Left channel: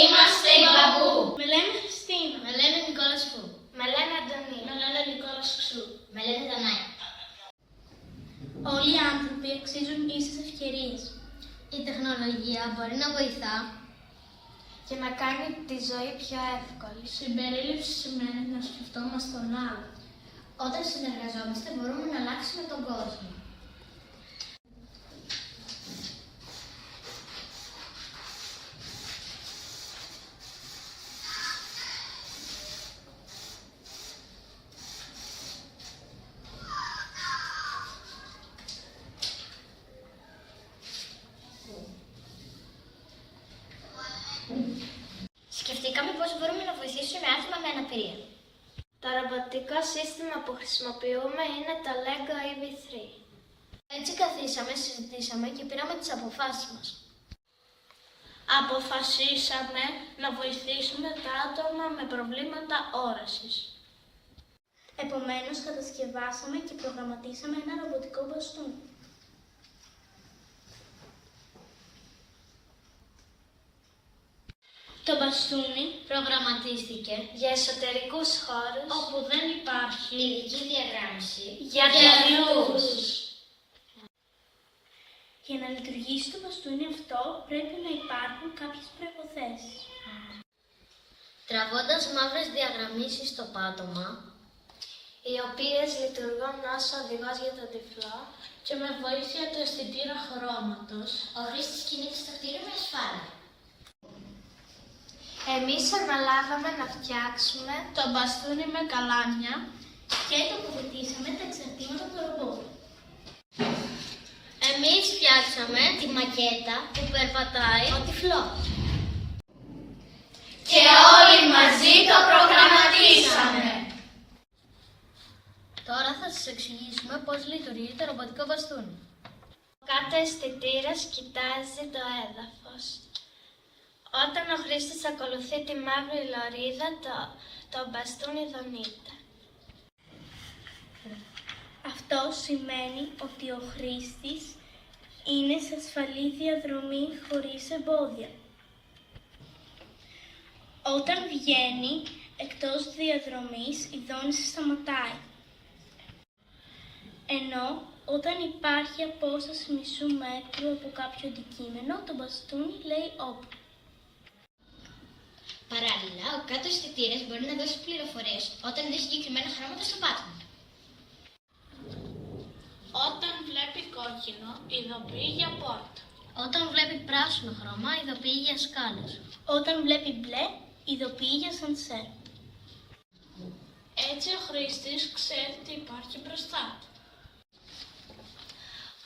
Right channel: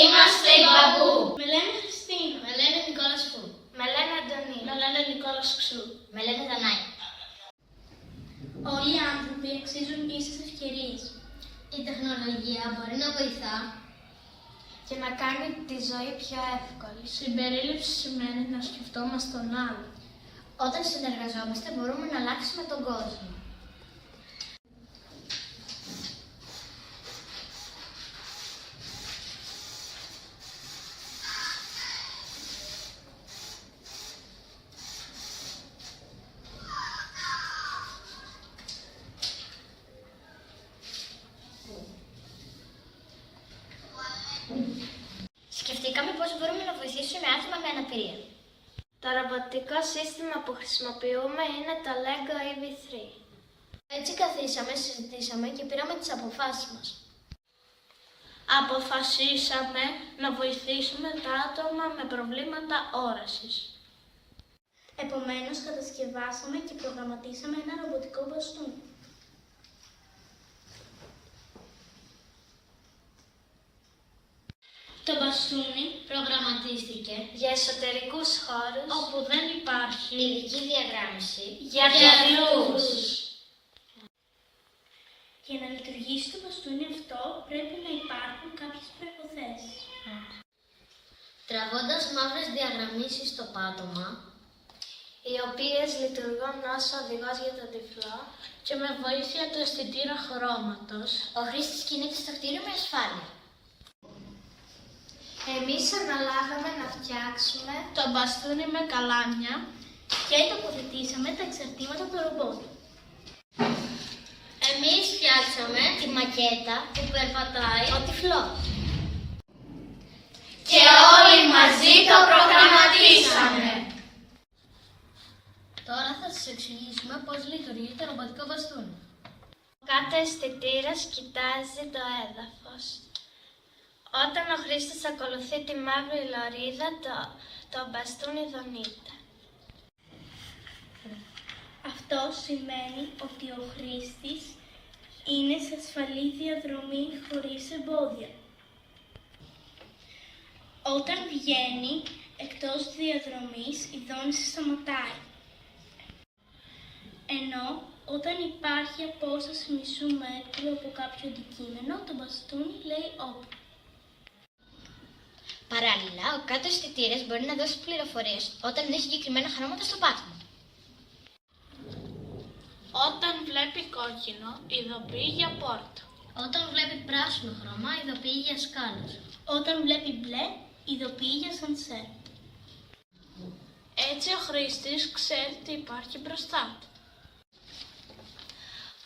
Είμαστε οι Μπαμπού. Με λένε Χριστίνα. Με λένε Νικόλας Φου. Με λένε Αντωνία. Με λένε Νικόλας Ξού. Με λένε Δανάη. Όλοι οι άνθρωποι αξίζουν ίσες ευκαιρίες. Η τεχνολογία μπορεί να βοηθά Και να κάνει τη ζωή πιο εύκολη. Συμπερίληψη σημαίνει να σκεφτόμαστε τον άλλο. Όταν συνεργαζόμαστε μπορούμε να αλλάξουμε τον κόσμο. Σκεφτήκαμε πώς μπορούμε να βοηθήσουμε άτομα με αναπηρία. Το ρομποτικό σύστημα που χρησιμοποιούμε είναι το Lego EV3. Έτσι καθίσαμε, συζητήσαμε και πήραμε τις αποφάσεις μας. Αποφασίσαμε να βοηθήσουμε τα άτομα με προβλήματα όρασης. Επομένως, κατασκευάσαμε και προγραμματίσαμε ένα ρομποτικό μπαστούνι. Το μπαστούνι προγραμματίστηκε Για εσωτερικούς χώρους όπου δεν υπάρχει ειδική διαγράμμιση για αλλούς. Για να λειτουργήσει το μπαστούνι αυτό πρέπει να υπάρχουν κάποιες προϋποθέσεις. Τραβώντας μαύρες διαγραμμίσεις στο πάτωμα, Οι οποίες λειτουργούν ως οδηγός για τον τυφλό. Και με βοήθεια του αισθητήρα χρώματος, ο χρήστης κινείται στο κτίριο με ασφάλεια. Εμείς αναλάβαμε να φτιάξουμε το μπαστούνι με καλάμια και τοποθετήσαμε τα εξαρτήματα του ρομπότ. Εμείς φτιάξαμε τη μακέτα που περπατάει ο τυφλός. και όλοι μαζί το προγραμματίσαμε. Τώρα θα σας εξηγήσουμε πώς λειτουργεί το ρομποτικό μπαστούνι. Ο κάθε αισθητήρας κοιτάζει το έδαφος. Όταν ο χρήστης ακολουθεί τη μαύρη λωρίδα, το μπαστούνι δονείται. Αυτό σημαίνει ότι ο χρήστης είναι σε ασφαλή διαδρομή χωρίς εμπόδια. Όταν βγαίνει εκτός διαδρομής, η δόνηση σταματάει. Ενώ όταν υπάρχει απόσταση μισού μέτρου από κάποιο αντικείμενο, το μπαστούνι λέει «Όπ». Παράλληλα, ο κάτω αισθητήρας μπορεί να δώσει πληροφορίες όταν δει συγκεκριμένα χρώματα στο πάτωμα. Όταν βλέπει κόκκινο, ειδοποιεί για πόρτα. Όταν βλέπει πράσινο χρώμα, ειδοποιεί για σκάλες. Όταν βλέπει μπλε, ειδοποιεί για σανσέρ. Έτσι ο χρήστης ξέρει τι υπάρχει μπροστά του.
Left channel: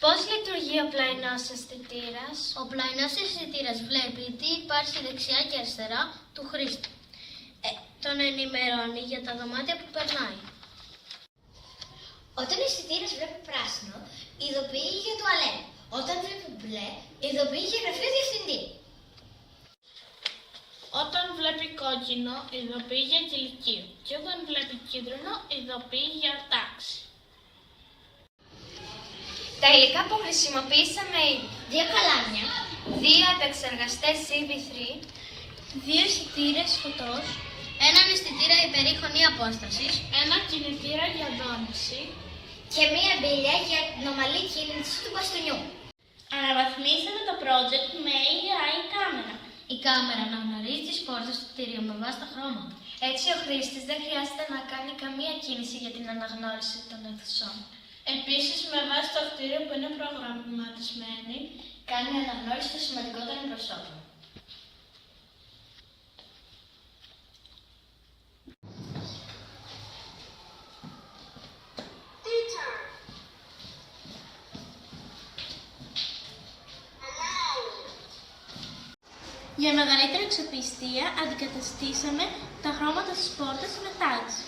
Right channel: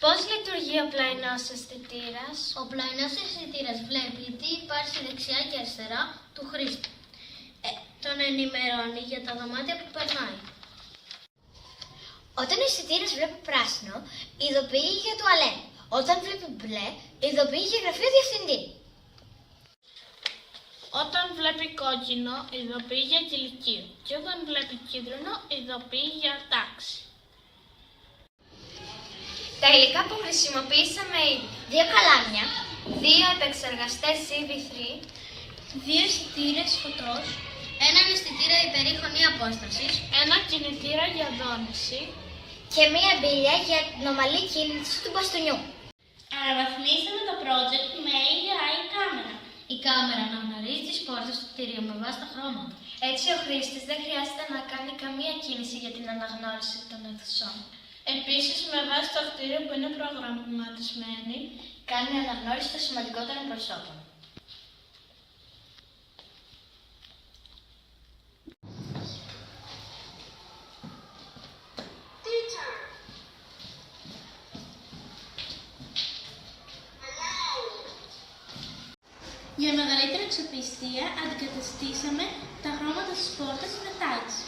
Πώς λειτουργεί ο πλαϊνός αισθητήρας? Ο πλαϊνός αισθητήρας βλέπει τι υπάρχει δεξιά και αριστερά του χρήστη. Τον ενημερώνει για τα δωμάτια που περνάει. Όταν ο αισθητήρας βλέπει πράσινο, ειδοποιεί για τουαλέτα. Όταν βλέπει μπλε, ειδοποιεί για γραφείο διευθυντή. Όταν βλέπει κόκκινο, ειδοποιεί για κηλικείο. Και όταν βλέπει κίτρινο, ειδοποιεί για τάξη. Τα υλικά που χρησιμοποιήσαμε είναι 2 καλάμια, 2 επεξεργαστές EV3, 2 αισθητήρες φωτός, έναν αισθητήρα υπερήχωνη απόστασης ένα κινητήρα για δόνηση. και μία μπίλια για την ομαλή κίνηση του μπαστούνιου. Αναβαθμίσαμε το project με AI κάμερα. Η κάμερα αναγνωρίζει τις πόρτες του κτηρίου με βάση τα χρώματα. έτσι ο χρήστης δεν χρειάζεται να κάνει καμία κίνηση για την αναγνώριση των αιθουσών. Επίσης, με βάση το κτίριο που είναι προγραμματισμένη, Κάνει αναγνώριση των σημαντικότερων προσώπων. για μεγαλύτερη αξιοπιστία, αντικαταστήσαμε τα χρώματα στις πόρτες με τάξη.